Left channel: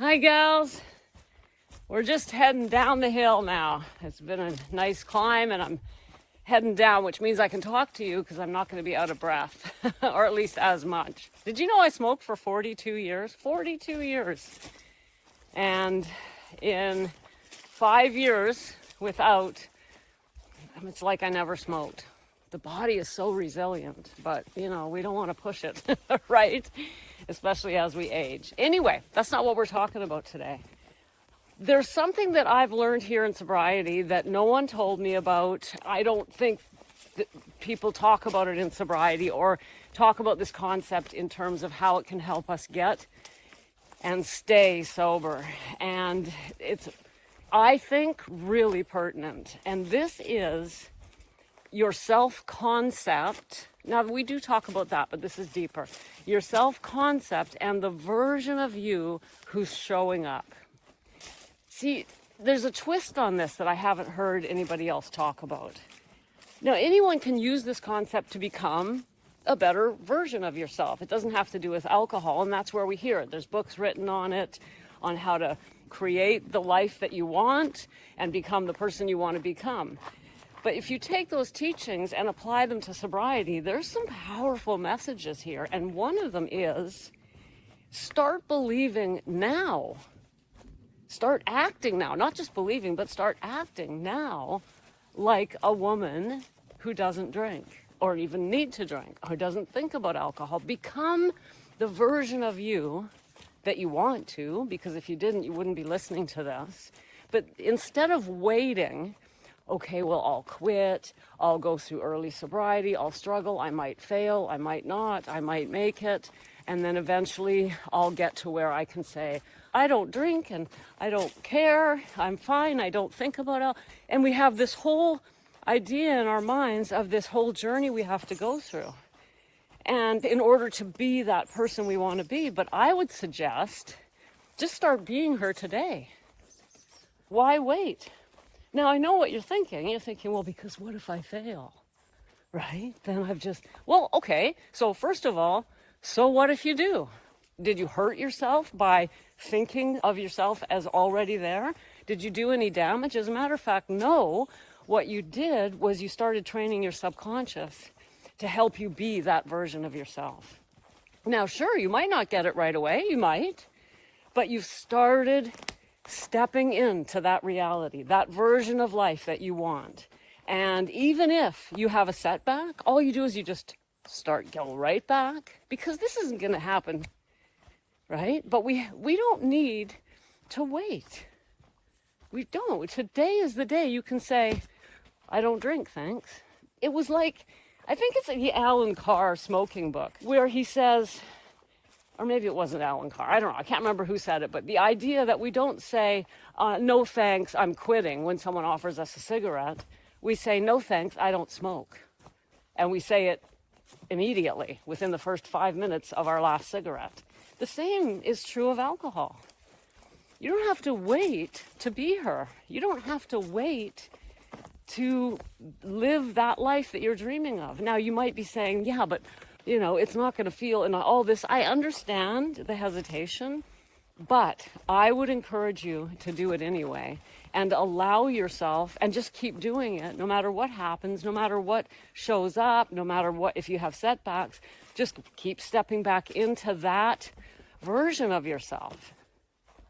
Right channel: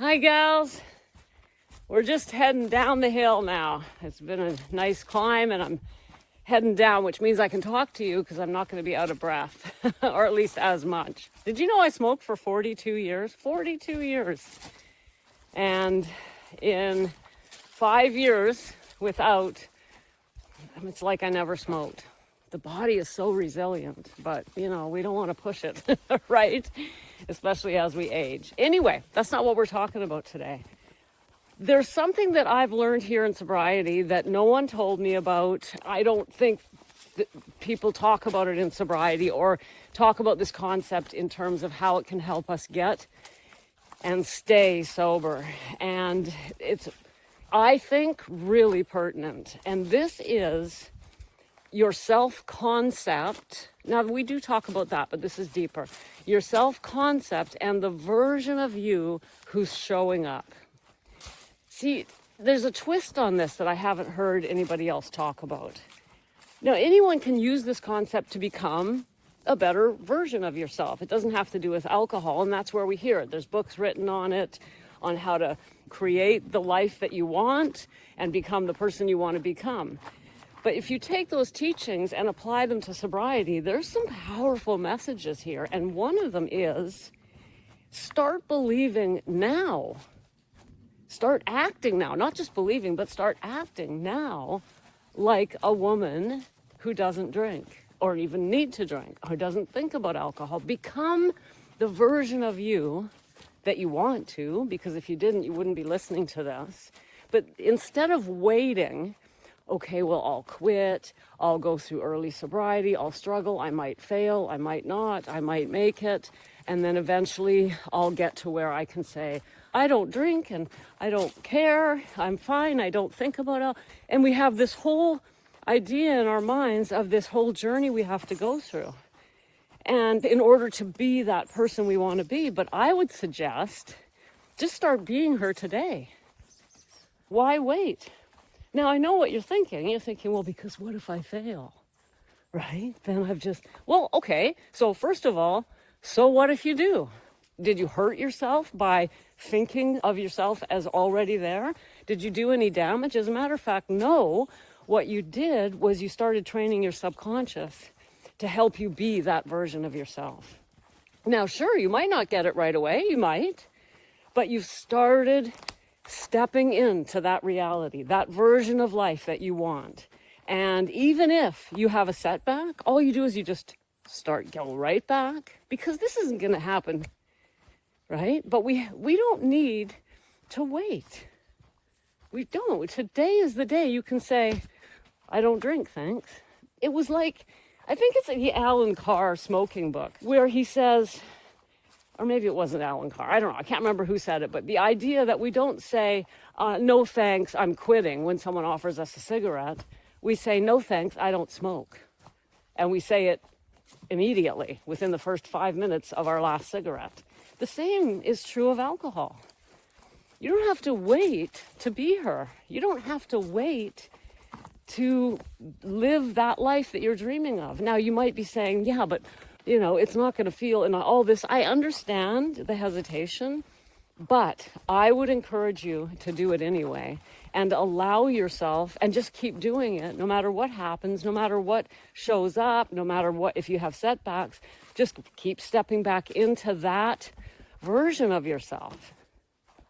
Hi gals, we're just heading down the hill now. It's been a nice climb and I'm heading down, which means I can talk to you because I'm not going to be out of breath, or at least as much. Did you know I smoked for 42 years? 42 years. And in 5 years without, it's like I never smoked. The body is so resilient, but you know, we don't want to push it, right? Especially as we age. Anyway, that's not what we're talking about today. There's something that I've learned here in sobriety that no one told me about. I don't think that people talk about it in sobriety or talk about this concept in terms of how it can help us get and stay sober. And it's, I think, really pertinent. And this is your self-concept. Now, we do talk about that, but this is deeper. Your self-concept and the version of you who's showing up. See, there's a twist on this that I haven't heard anybody else talk about. Now, anyone can use this concept to become a better version of yourself. It doesn't have to do with alcohol, and that's where we hear it. There's books written on it, on how to create the life that you want and become the person you want to become. But if you take those teachings and apply them to sobriety, there's some powerful messages here. And one of them is, start believing now. Start acting now. Not just believing, but start acting now like a woman who doesn't drink or even need to drink or doesn't think about alcohol. Become the version of you that you want to, because if you didn't, you wouldn't be listening to this. But instead of waiting, okay, well, I'll quit, I'll go through early sobriety, I'll struggle, I might fail, I might not, I might make it, and then eventually I'll get to where I can say, I don't drink and I don't care, I'm fine, I don't think about it. And we have this whole idea in our minds of this whole journey we have to go through. And in order to be that person we want to be, but I would suggest, just start being her today. Why wait? Now, I know what you're thinking. You're thinking, well, because what if I fail, right? Then I've just, well, okay. So first of all, so what if you do? Did you hurt yourself by thinking of yourself as already there? Did you do any damage? As a matter of fact, no. What you did was you started training your subconscious to help you be that version of yourself. Now, sure, you might not get it right away. You might. But you've started stepping into that reality, that version of life that you want. And even if you have a setback, all you do is you just go right back, because this isn't going to happen, right? But we don't need to wait. We don't. Today is the day you can say, I don't drink, thanks. It was like, I think it's the Alan Carr smoking book, where he says, or maybe it wasn't Alan Carr, I don't know, I can't remember who said it, but the idea that we don't say, no thanks, I'm quitting, when someone offers us a cigarette. We say, no thanks, I don't smoke. And we say it immediately, within the first 5 minutes of our last cigarette. The same is true of alcohol. You don't have to wait to be her. You don't have to wait to live that life that you're dreaming of. Now, you might be saying, yeah, but you know, it's not going to feel, and all this. I understand the hesitation, but I would encourage you to do it anyway and allow yourself, and just keep doing it no matter what happens, no matter what shows up, no matter what, if you have setbacks, just keep stepping back into that version of yourself.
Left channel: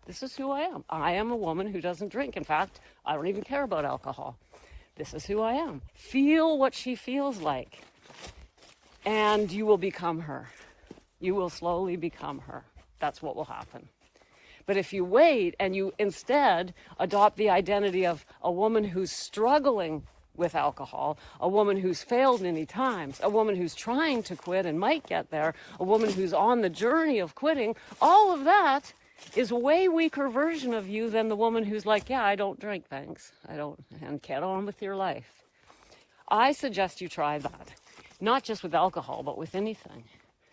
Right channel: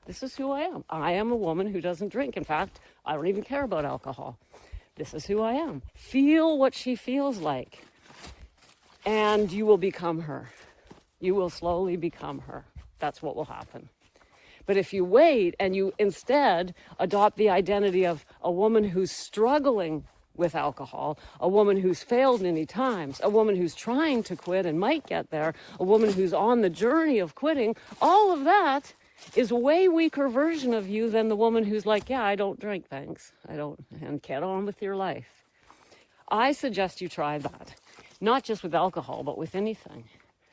This is who I am. I am a woman who doesn't drink. In fact, I don't even care about alcohol. This is who I am. Feel what she feels like. And you will become her. You will slowly become her. That's what will happen. But if you wait and you instead adopt the identity of a woman who's struggling with alcohol, a woman who's failed many times, a woman who's trying to quit and might get there, a woman who's on the journey of quitting, all of that is a way weaker version of you than the woman who's like, yeah, I don't drink, thanks. I don't, and get on with your life. I suggest you try that. Not just with alcohol, but with anything.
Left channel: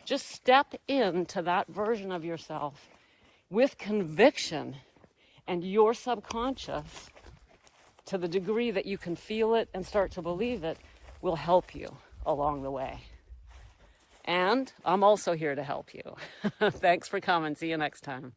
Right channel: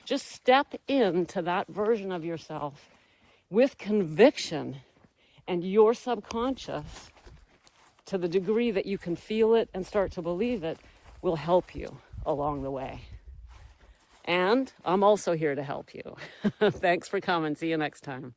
Just step into that version of yourself with conviction, and your subconscious, to the degree that you can feel it and start to believe it, will help you along the way. And I'm also here to help you. Thanks for coming. See you next time.